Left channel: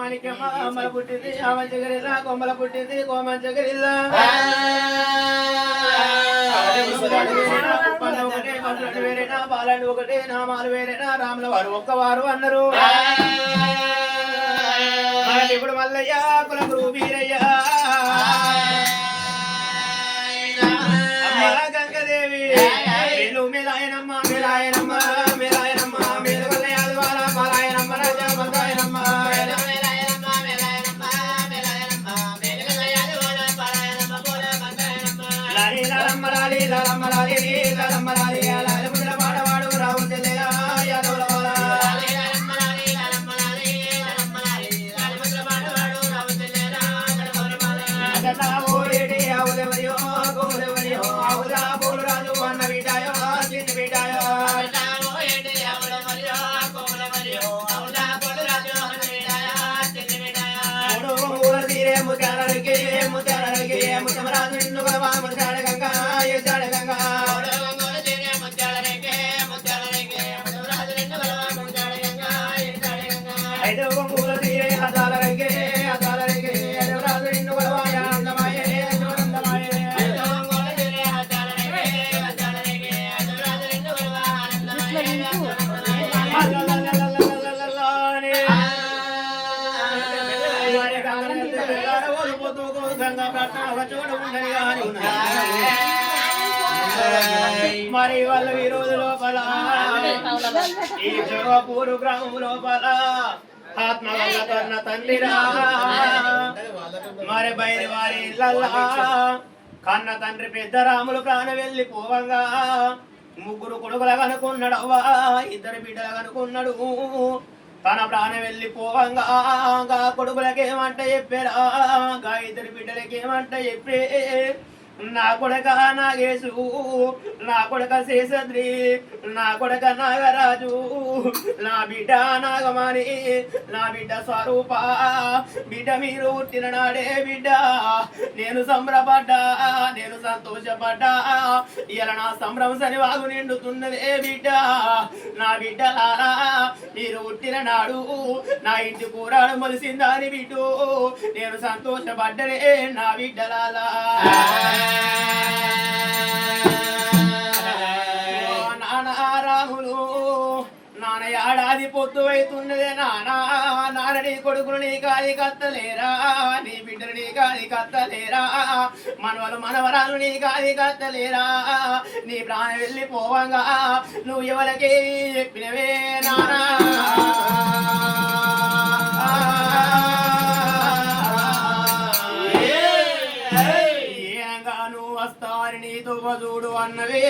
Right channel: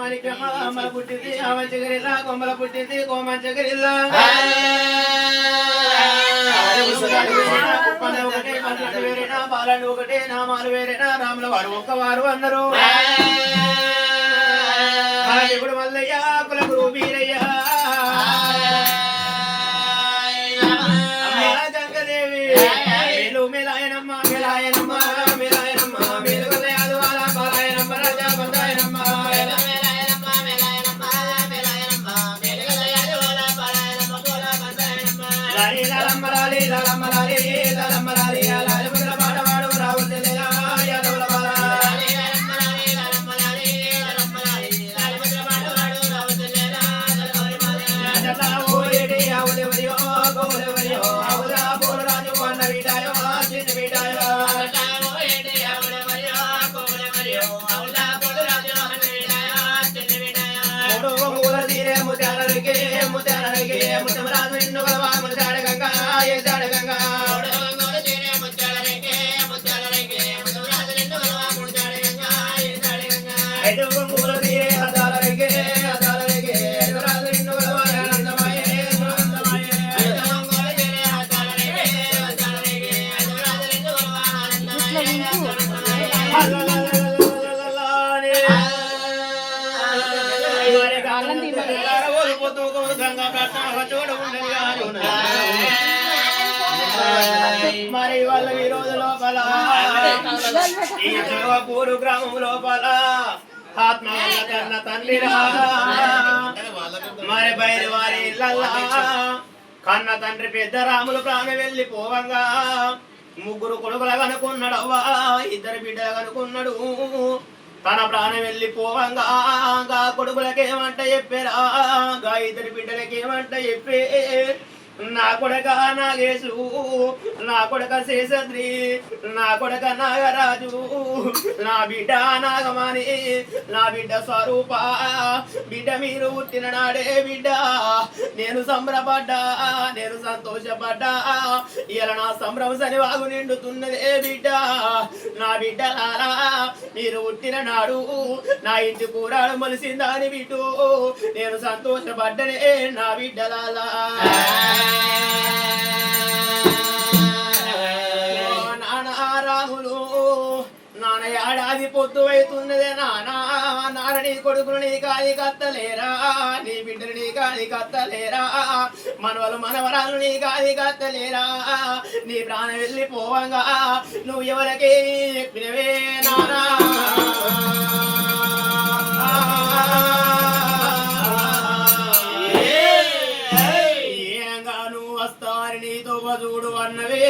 Why Manikyamma అమ్మల పుట్టింది. ఆమంచగరిల్లా కొమ్మల పుట్టింది. కోమంచగరిల్లా కుప్పలు ఒకటే మనుషులు వేరేనా బాలని ఒకటే నామాలు వేరేనా రాముల వారు ఒక్కవారు అన్నారు ఇప్పుడు మల్లయ్య కుల గురు వీరయ్య గంగదేవి. మేలు మేలాయనమ్మ మేలాయనమ్మ. తీరే మరి వాళ్ళ ఈ రోజు లోపల ఈ జోగపూరు గ్రామం లోపల ఆత్మ వల్ల కన్న తండ్రిరా మరి బయలు వారి ఇళ్ళల్లా కన్న తండ్రి పెద్ద రాములు ప్రాణ వెళ్ళి పోవంగా ముగ్గురు కొడుకులు కనుకున్నాడు అవ్వా ఇద్దరు బిడ్డలు కనుకున్నాడు తన ప్రాణం వెళ్ళి పోవంగా కొడుకులకేమంట చెప్పారా గా ఇద్దరు బిడ్డలకేమంట చెప్పే నా కొడక నాగేశు నా కొడక శేషద్రి నా కొడక నాగరాజు నా బిడ్డ నాగమాని నా బిడ్డ స్వరూప బిడ్డ మీరు పుట్టిన నాడే బిడ్డ. నేను సంబరపడ్డా నేను సంతోషపడ్డా. ఇలా నా సంభ్రమ సని వాగు నిండుతున్నదే బిడ్డ. నా బిడ్డలారా మీరు ఉట్టిన నాడు నా ఇంటి కూరాడు మొలిసిందా అని బిడ్డు. నేను సంతోషపడ్డనే నా బిడ్డలాలా ఓ నాన్న నాన్న ఏడాది పొత్తు అవుతున్నదే నానా నాన్న నీ కొడుకులు నీ కాలి కత్తలేరా నీ బిడ్డలు నీ కాది కత్తలేరా మనవలు మనవరాలు నీ కాలి కత్తలేరా నీ ప్రాణం వెళ్ళిపోవంగా నువ్వు ఎవరికే చెప్పినవే నానా. వారిని దువ్వదూడు అన్నవే.